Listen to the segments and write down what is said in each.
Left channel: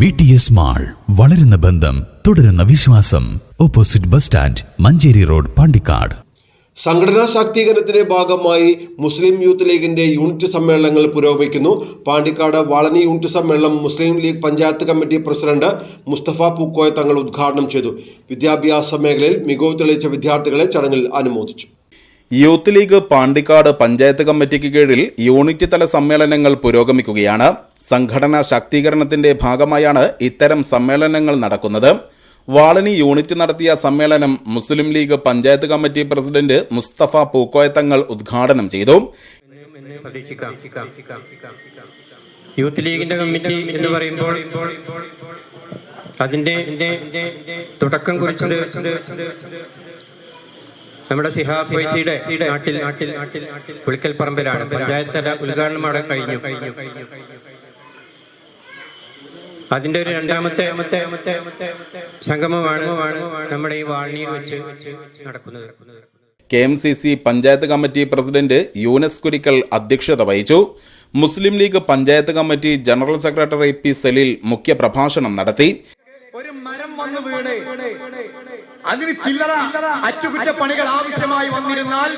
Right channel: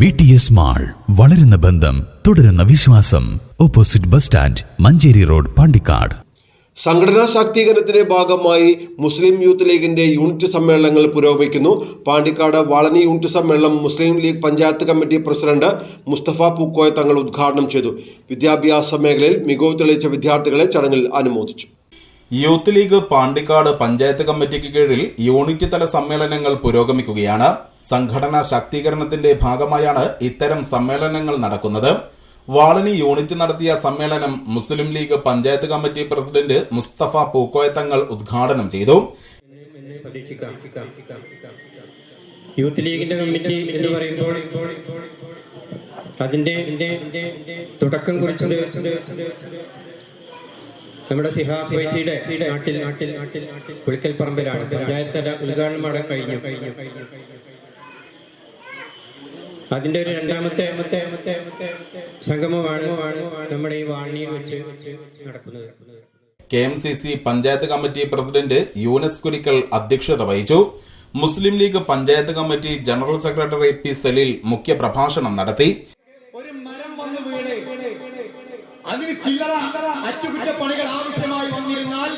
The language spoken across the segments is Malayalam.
VTS മാൾ, വളരുന്ന ബന്ധം, തുടരുന്ന വിശ്വാസം. Opposite bus stand, Manjeri road, Pandikkad. സംഘടനാ ശാക്തീകരണത്തിന്റെ ഭാഗമായി മുസ്ലിം യൂത്ത് ലീഗിന്റെ യൂണിറ്റ് സമ്മേളനങ്ങൾ പുരോഗമിക്കുന്നു. പാണ്ടിക്കാട് വാളനി യൂണിറ്റ് സമ്മേളനം മുസ്ലിം ലീഗ് പഞ്ചായത്ത് കമ്മിറ്റി പ്രസിഡന്റ് മുസ്തഫ പൂക്കോയ തങ്ങൾ ഉദ്ഘാടനം ചെയ്തു. വിദ്യാഭ്യാസ മേഖലയിൽ മികവ് തെളിയിച്ച വിദ്യാർത്ഥികളെ ചടങ്ങിൽ അനുമോദിച്ചു. യൂത്ത് ലീഗ് പാണ്ടിക്കാട് പഞ്ചായത്ത് കമ്മിറ്റിക്ക് കീഴിൽ യൂണിറ്റ് തല സമ്മേളനങ്ങൾ പുരോഗമിക്കുകയാണ്. സംഘടനാ ശാക്തീകരണത്തിന്റെ ഭാഗമായാണ് ഇത്തരം സമ്മേളനങ്ങൾ നടക്കുന്നത്. വാളനി യൂണിറ്റ് നടത്തിയ സമ്മേളനം മുസ്ലിം ലീഗ് പഞ്ചായത്ത് കമ്മിറ്റി പ്രസിഡന്റ് മുസ്തഫ പൂക്കോയ തങ്ങൾ ഉദ്ഘാടനം ചെയ്തു. യൂത്ത് ലീഗിന്റെ കമ്മിറ്റി എന്ന് പറയുമ്പോൾ അതിന്റെ തുടക്കം കുറിച്ചത് നമ്മുടെ സിഹാബ് വൈസിയുടെ നാട്ടിൽ പുളിക്കൽ പറമ്പിലാണ്. പഞ്ചായത്ത് ഉദ്ഘാടനം അവിടെ കഴിഞ്ഞു. അതിന്റെ ഒരു രണ്ടാമത്തെ സംഗമമാണ് നമ്മുടെ ഈ വാഴണിയിൽ വെച്ച് നടക്കുന്നത്. KMCC panchayat committee president Yunus Kurikkal അധ്യക്ഷത വഹിച്ചു. Muslim League panchayat committee general secretary P. Saleel മുഖ്യ പ്രഭാഷണം നടത്തി. ഒരു മരം വന്നു വീണ് അതിന് ചില്ലറ അറ്റകുറ്റപ്പണികൾ ആവശ്യമായി വന്നിരുന്നാൽ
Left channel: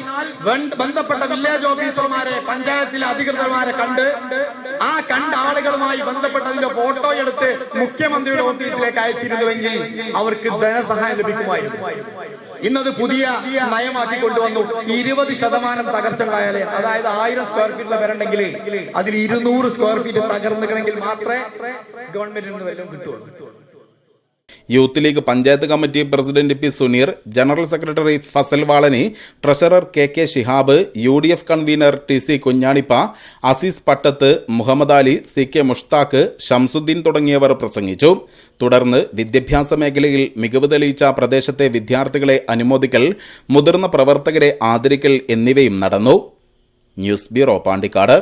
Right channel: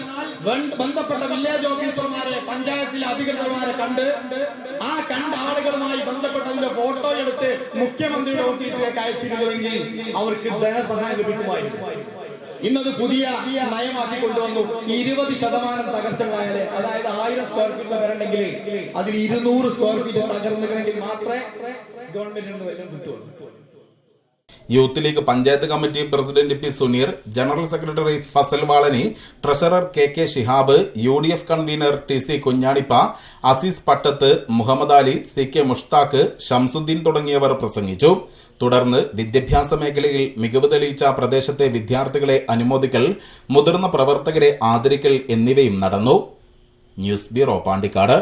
ബന്ധപ്പെട്ട വില്ലേജ് ഓഫീസർമാരെ, പഞ്ചായത്തിലെ അധികൃതർമാരെ കണ്ട ആളുകളുമായി ബന്ധപ്പെട്ടതിന്റെ ഫോട്ടോ എടുത്ത് മുഖ്യമന്ത്രിയുടെ ഓഫീസിലേക്ക് അയച്ചിരുന്നുവെങ്കിൽ അവർക്ക് ധനസഹായം ലഭിക്കുമായിരുന്നു. ഇന്നത് പുതിയ നയമാക്കി കൊണ്ടുവന്നു. 20% തകർച്ചകളായാലേ, അതായത് 1000 സ്ക്വയർ ഫീറ്റ് വരണ്ടെങ്കിൽ അതിൽ 200 സ്ക്വയർ ഫീറ്റ് തകർന്നുകണമെങ്കിൽ മാത്രമേ ഗവൺമെന്റിൽ നിന്ന് വല്ലതും കിട്ടുള്ളൂ. Youth League panchayat committee president P. Suneer, general secretary Fasal Valani, treasurer KK Shihab, UDF convener TC Kunhanippa, Azeez Pattath, Muhammad Ali, CK Mushtaq, Shamsuddin തുടങ്ങിയവർ പ്രസംഗിച്ചു. തുടർന്ന് വിദ്യാഭ്യാസ മേഖലയിൽ മികവ് തെളിയിച്ച പ്രദേശത്തെ വിദ്യാർത്ഥികളെ അനുമോദിക്കൽ, മുതിർന്ന പ്രവർത്തകരെ ആദരിക്കൽ എന്നിവയും നടന്നു. News bureau, Pandikkad.